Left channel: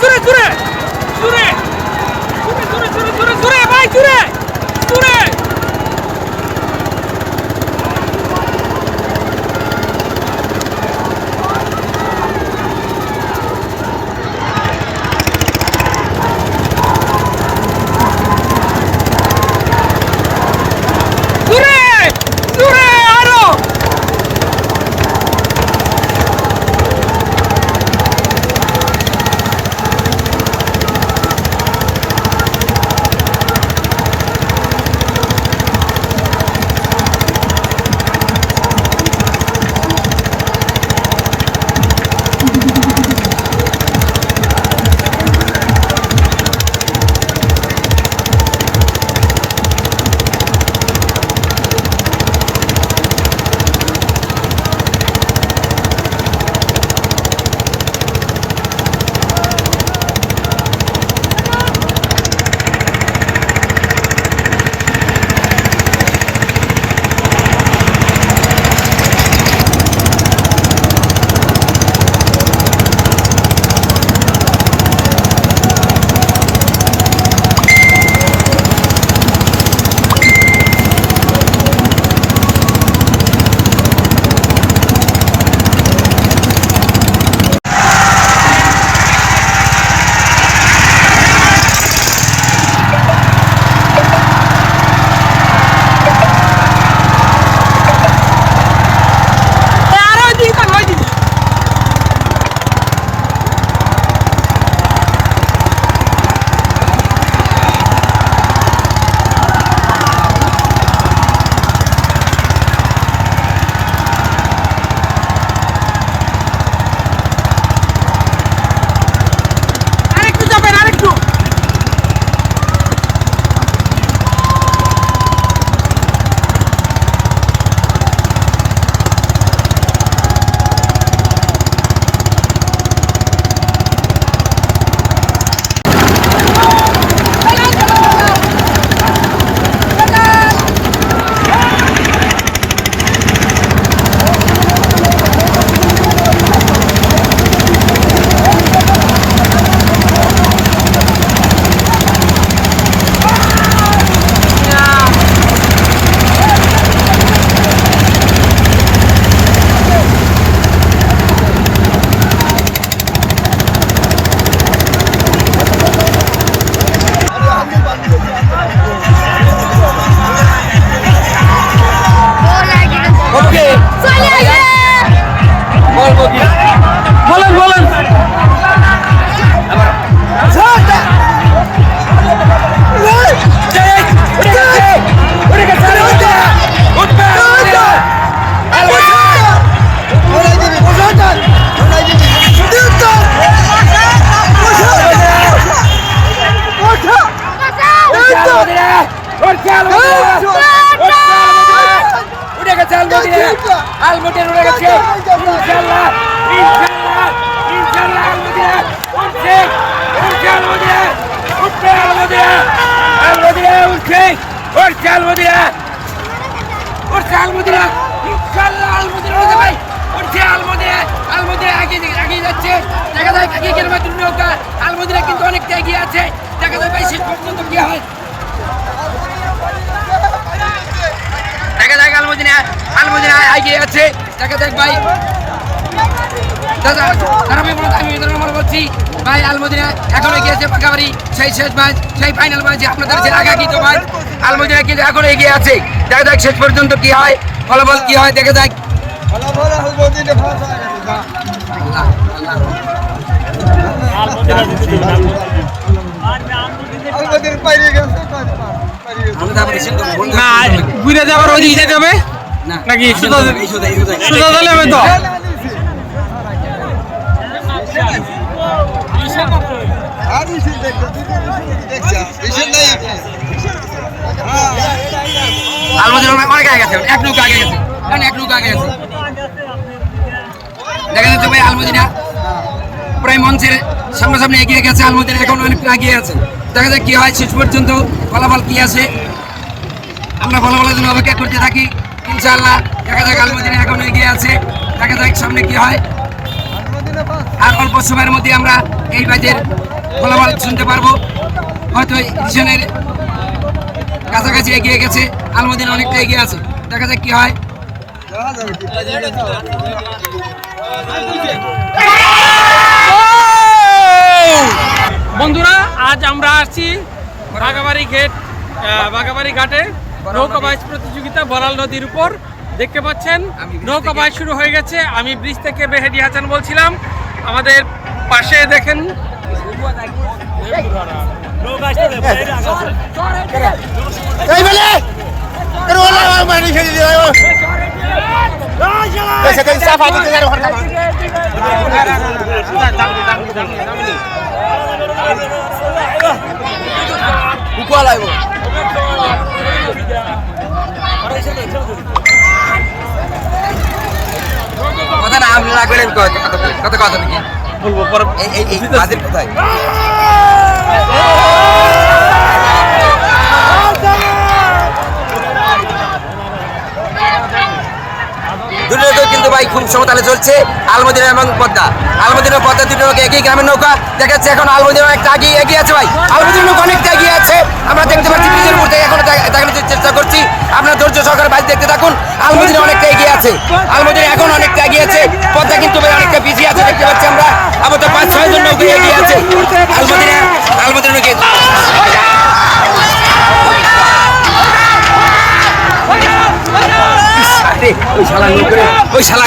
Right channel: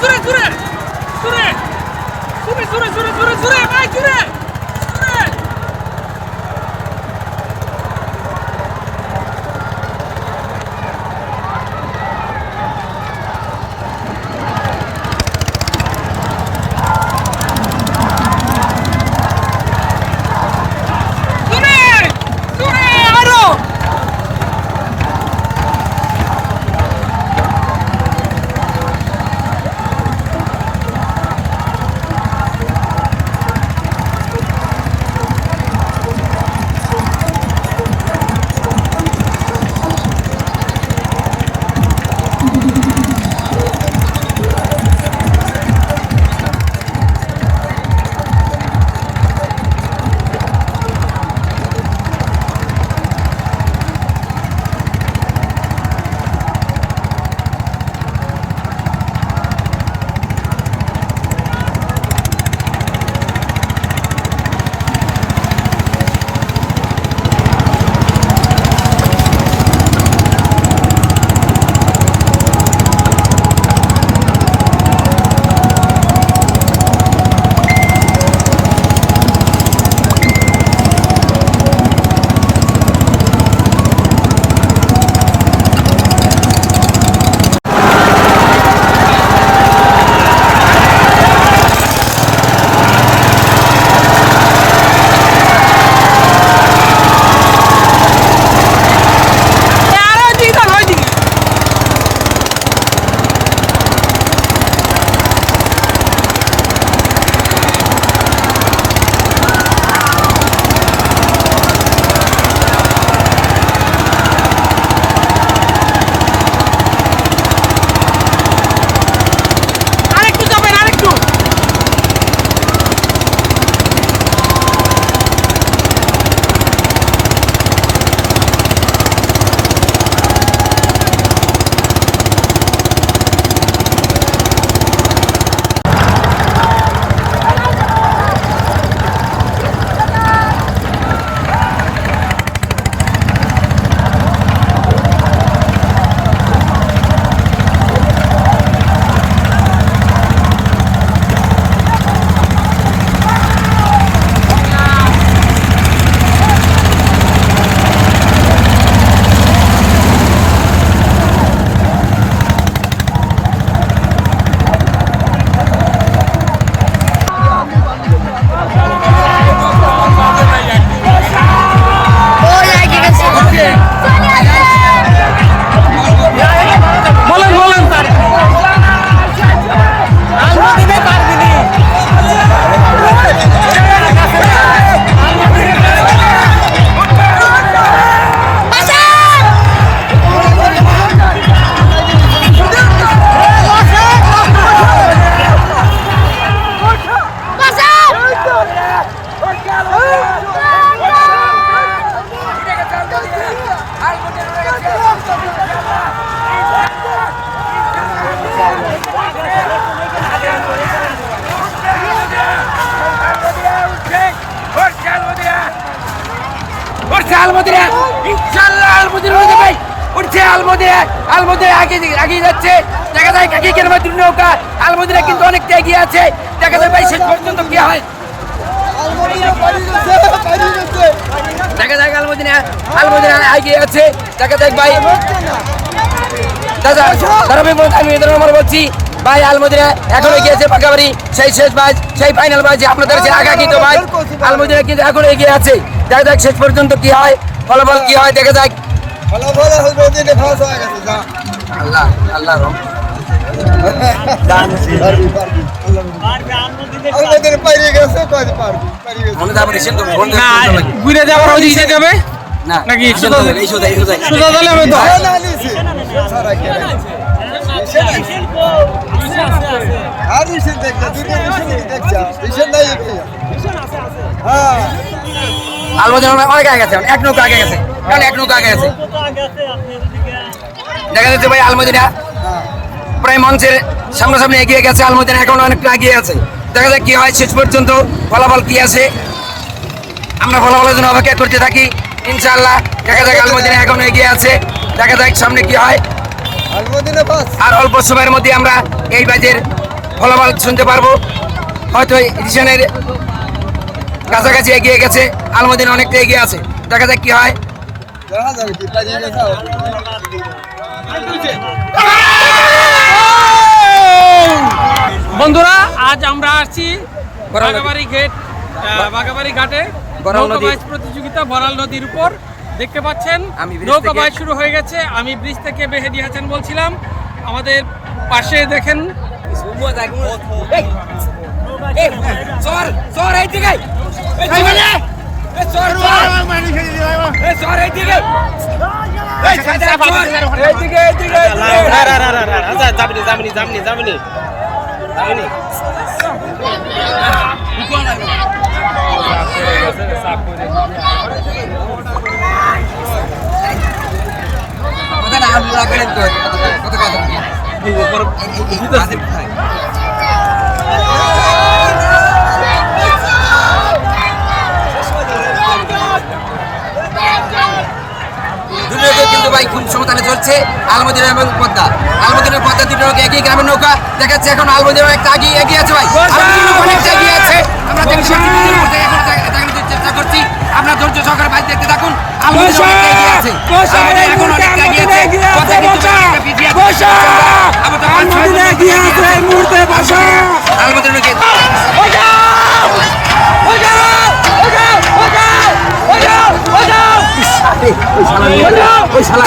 জোরে জোরে জোরে ঘুরে ঘুরে ঘুরে জোরে ভাই জোরে জোরে উড়ে গেছে আলমুটির আলমুটির উড়ে গেছে। ইনশাল্লাহ ইনশাল্লাহ। উঠছে আলমদিরা আগে এগিয়ে যাচ্ছে দেখা যায় কাকি কেরমা তিন নৌকা আলমদিরা কিন্তু অনেকটা এগিয়ে আছে দেখা যায় ভাই শেষ পর্যন্ত কি হয় দেখা যায় আলমদিনা আলমদিনা এগিয়ে আছে। দেখা যায় ভাই। দাদা ওদের আমার বলছি। ভাই আলমদিনা এখন এগিয়ে আছে পাকাবাড়ি। সেই শেষ ম্যাচ সেই ফাইনাল ম্যাচ আপনাদের যে আগাকিত ম্যাচ আলমদিনা কিন্তু এখন এগিয়ে আছে। দেখা যাক শেষ পর্যন্ত কি হয় ফলাফল কি হয় দেখা যাক। আল্লাহ আল্লাহ না ঘুরে যাবার যেতে হবে? না হবে তো আলমদিনা অনেক আগে গেছে, এক নৌকা আগে গেছে প্রায় মঞ্চের সামনাসামনি এগিয়ে গেছে আলমদিনা এখন অনেকটা এগিয়ে আছে। দেখা যাক কি হয়, শেষ পর্যন্ত ফলাফল কি আছে। আমরা ফলাফলের জন্য অপেক্ষা করতে থাকি, ইনশাআল্লাহ। দেখা যাক আলমদিনা এখন এগিয়ে আছে, দেখা যাক সামনে কি হয়। আর অল্প সময়ের মধ্যে আমরা এই বাজের ফলাফল শুনতে পারব। হয়তো রিশনের কাছাকাছি এগিয়ে গেছে আলমদিন অনেকটা এগিয়ে আছে। দেখা যাক কি হয়। বন্ধুরা আজ আমরা আসছি বাগাবাড়ি গেট আহ, বাগাবাড়ি ঘাটে নৌকা। বাইচ প্রতিযোগিতা বরাল নদীর উপর। দেখতে পাচ্ছেন? নৌকা বাইচ শুরু হয়ে গেছে। আমি ব্রিজ থেকে বেহেডি হাসান বলছিলাম। আমাদের পাশে দেখেন কথা না আমি না করে কত কত কথা নাকি বলব পরে এই এই এই বুঝতেছি। বাজে কোথায়? দুটোকে কিন্তু ভাই খুব সমতালে চলছে। আলমদিনা এবং পদ্মা। আলমদিনা পদ্মা দুটো একই গ্রামের নৌকা দেখাচ্ছে এখন। আলমদিনা একটা আগে এগিয়ে আছে ভাই। আলমদিনা অনেকটা এগিয়ে আছে। আমরা দেখতে পাচ্ছি এখন আপনার ধৈর্য সহকারে বাইক দেখতে থাকুন। আলমদিনা অনেকটা এগিয়ে আছে। আলমদিনা এখন অনেকটা এগিয়ে আছে। পদ্মা কিন্তু অনেকটা পিছিয়ে আছে দেখতে পাচ্ছি আমরা। আবার তো পাঁচ ছয় জন নৌকা এগিয়ে আছে। ওই শালা ওই শালা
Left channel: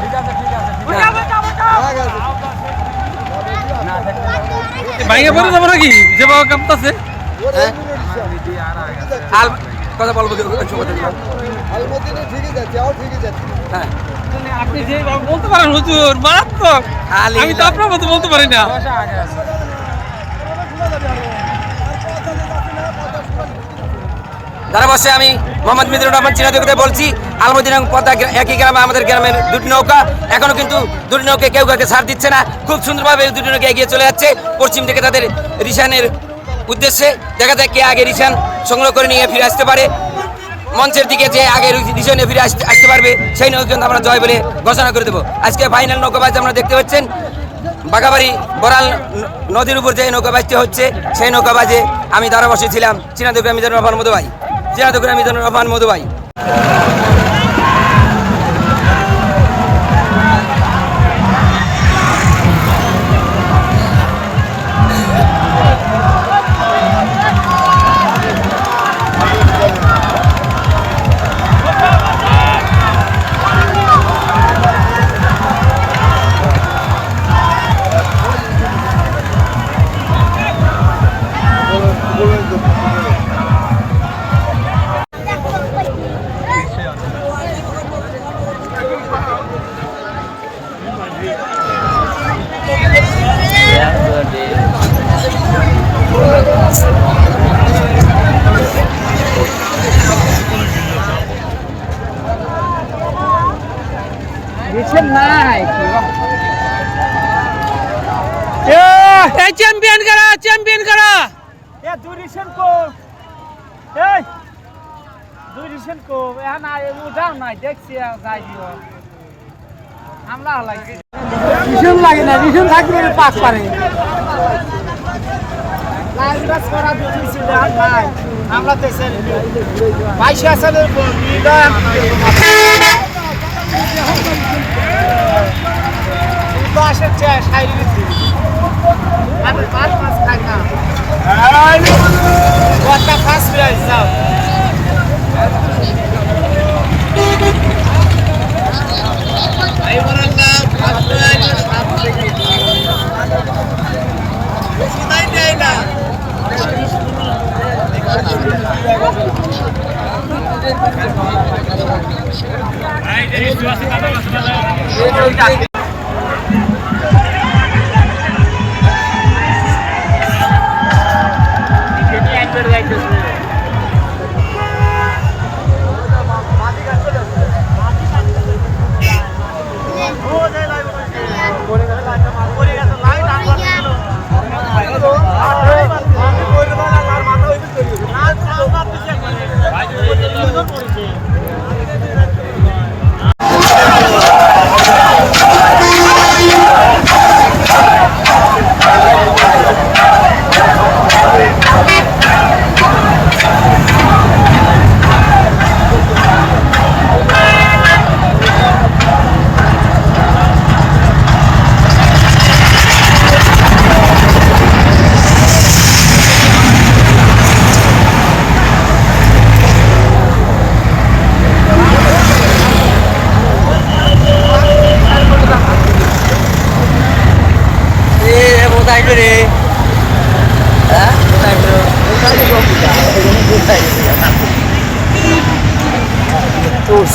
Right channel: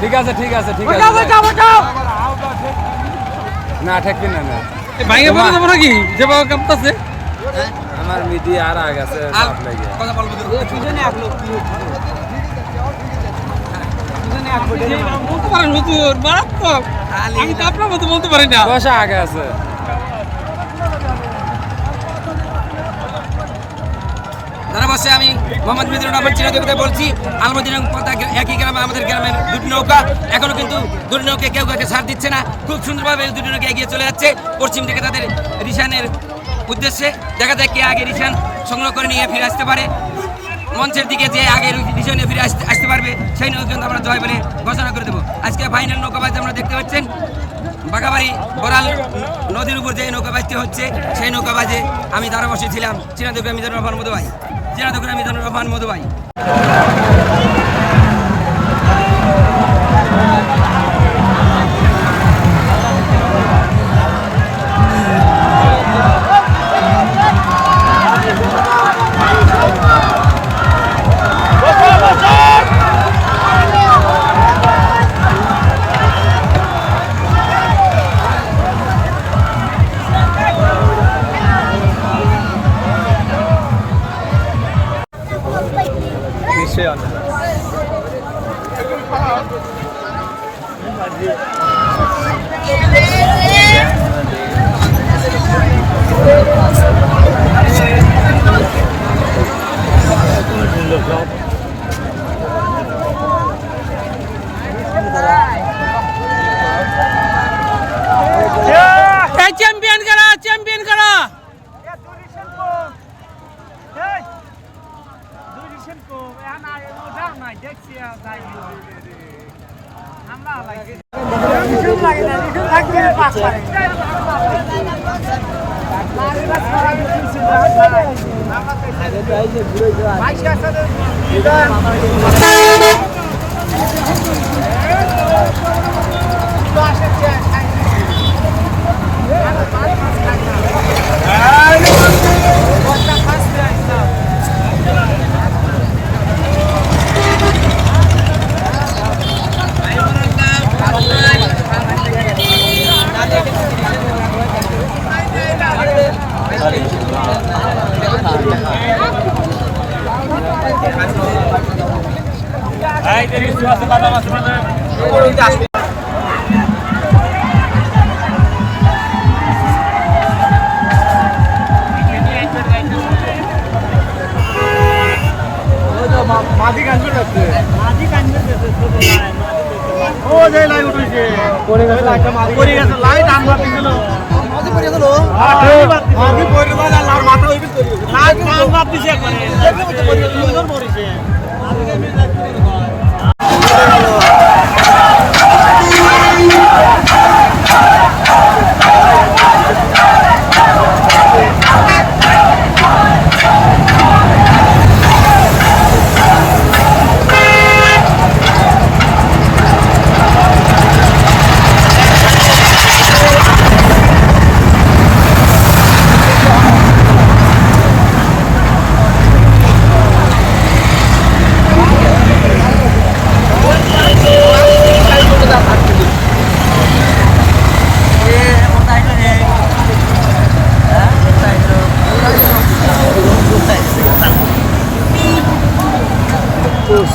ঠিক আছে ঠিক আছে ঠিক আছে। না ঠেকতে না ভাইকে পরে যাব নাকি? যে বাবা কাঁপতাছে। আমার আর আছে কথা বলব তো একটু বলে দিন। আপনি যে বলতে পারেন হুজুর মারাত্মক। খালি আমি তো আপনার মতো বলতে পারি না। আগে আছে। বসে আমি মোহাম্মদ মিদুর রহমান চিনা দেবতে বলছি। আলমদিন পদ্মা একই গ্রামে, আমাদের গ্রামের দুটি নৌকা। এখনও কিন্তু দুটি নৌকা কেউ কাউকে ছাড় দিচ্ছে না। খুব সুন্দরভাবে দুটি নৌকা এগিয়ে চলে যাচ্ছে। পশ্চিম থেকে তাদের রিসানের উদ্দেশ্যে দেখা যায় কে আগে রিসান সংগ্রহ করে নিয়ে ফিরে আসতে পারে। মঞ্চের দিকে যে আগে রিসানে ফিরে আসতে আসতে পারবে, সেই নৌকা আমরা জয় বলে ঘোষণা করে দেবো। আজকে ফাইনাল নৌকাবাজ আমরা দেখতে পাচ্ছেন। বাঘাবাড়ি বরাল নদীর উপর যে নৌকাবাজটি হচ্ছে, সেই নৌকাবাজে আমি দ্বারা বসেছিলাম চীনাদুগ্রা মিজানুর রহমান মধু চীনাদুগ্রা মিজানুর রহমান মধু রিসেন লাগে না রিসেন থাকলে পাস পারে আমরা তো এসে পয়সা আছে তো আসে সাইড আমি এই যে লিচু আছে দাদা বাস মানে